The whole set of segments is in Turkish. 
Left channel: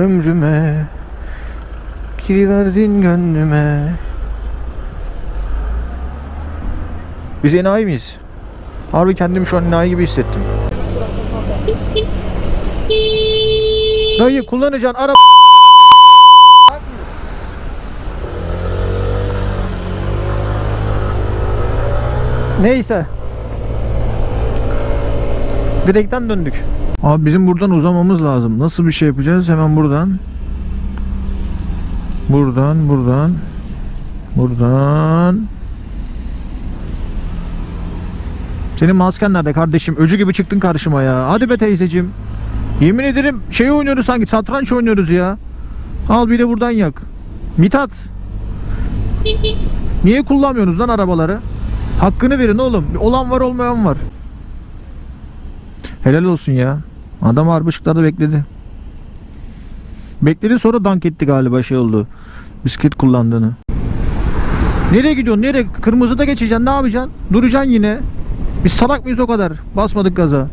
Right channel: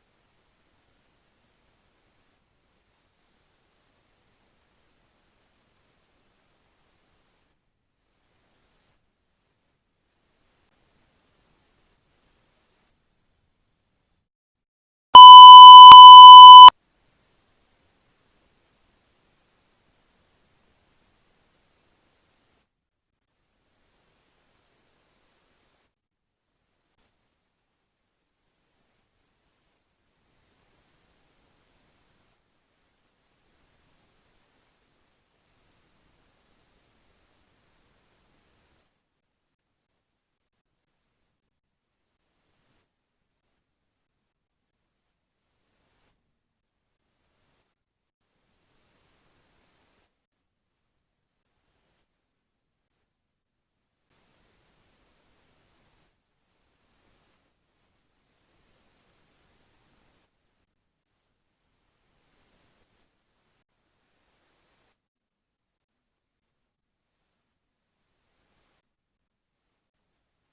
ömrüme Giriverdin gönlüme Biz enayi miyiz? Harbi kendimi şu an enayi gibi hissettim. Dayı kullanacağın araba Neyse. Direkten döndük. Abi bizim buradan uzamamız lazım. Nasıl bir şey yapacağız? Hemen buradan. Buradan, buradan. Buradan. Senin masken nerede kardeşim? Öcü gibi çıktın karşıma ya. Hadi be teyzeciğim. Yemin ederim şey oynuyoruz sanki satranç oynuyoruz ya. Al bir de buradan yak. Mithat. Niye kullanmıyorsunuz lan arabaları? Hakkını verin oğlum. Olan var olmayan var. Helal olsun ya. Adam harbi ışıklarda bekledi. Bekledi sonra dank etti galiba şey oldu. Bisiklet kullandığını. Nereye gidiyorsun? Nereye? Kırmızıda geçeceksin. Ne yapacaksın? Duracaksın yine. Biz salak mıyız o kadar? Basmadık gaza.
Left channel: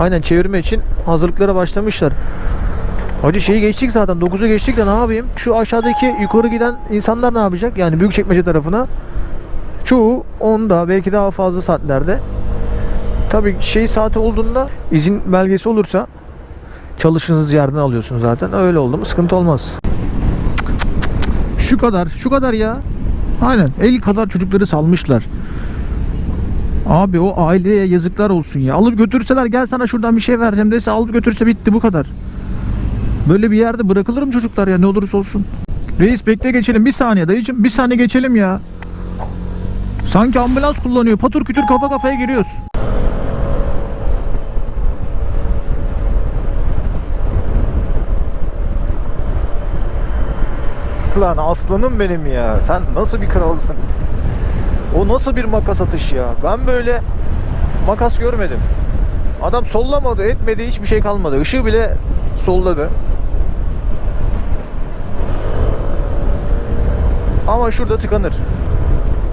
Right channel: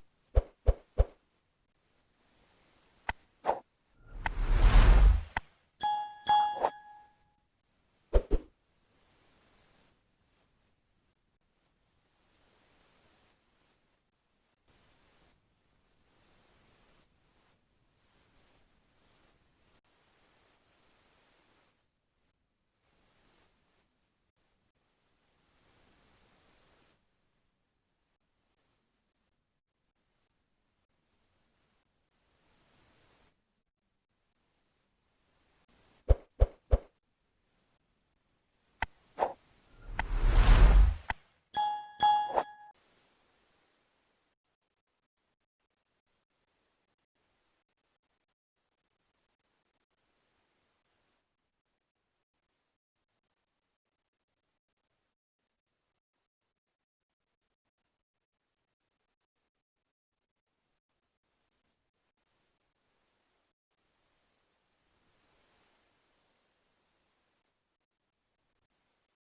Aynen çevirme için hazırlıklara başlamışlar. Hacı şeyi geçtik zaten 9'u geçtik de ne yapayım? Şu aşağıdaki yukarı giden insanlar ne yapacak? Yani Büyükçekmece tarafına. Çoğu 10'da belki daha fazla saatlerde. Tabii şey saati olduğunda izin belgesi olursa çalıştığınız yerden alıyorsunuz zaten. Öyle oldu mu sıkıntı olmaz. Şu kadar, şu kadar ya. Aynen. El kadar çocukları salmışlar. Abi o aileye yazıklar olsun ya. Alıp götürseler gel sana şuradan bir şey vereceğim dese alıp götürse bitti bu kadar. Böyle bir yerde bırakılır mı çocuklar ya ne olursa olsun. Reis bekle geçelim bir saniye dayıcım bir saniye geçelim ya. Sanki ambulans kullanıyor patır kütür kafa kafaya giriyoruz. Lan aslanım benim ya. Sen nasıl bir kralsın? O nasıl bir makas atış ya? Ben böyle makas görmedim. Adam sollamadı, etmedi, hiçbir şey kalmadı. Işığı bile solladı. Ama şurada tıkanır.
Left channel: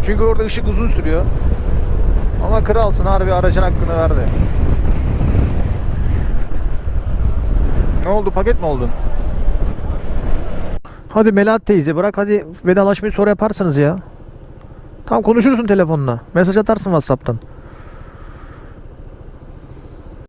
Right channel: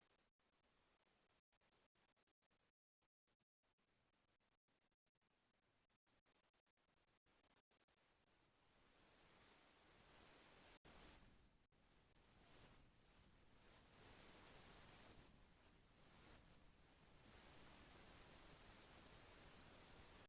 Çünkü orada ışık uzun sürüyor. Ama kralsın harbi aracın hakkını verdi. Ne oldu? Paket mi oldun? Hadi Melahat teyze bırak hadi vedalaşmayı sonra yaparsanız ya. Tamam konuşursun telefonla. Mesaj atarsın Whatsapp'tan.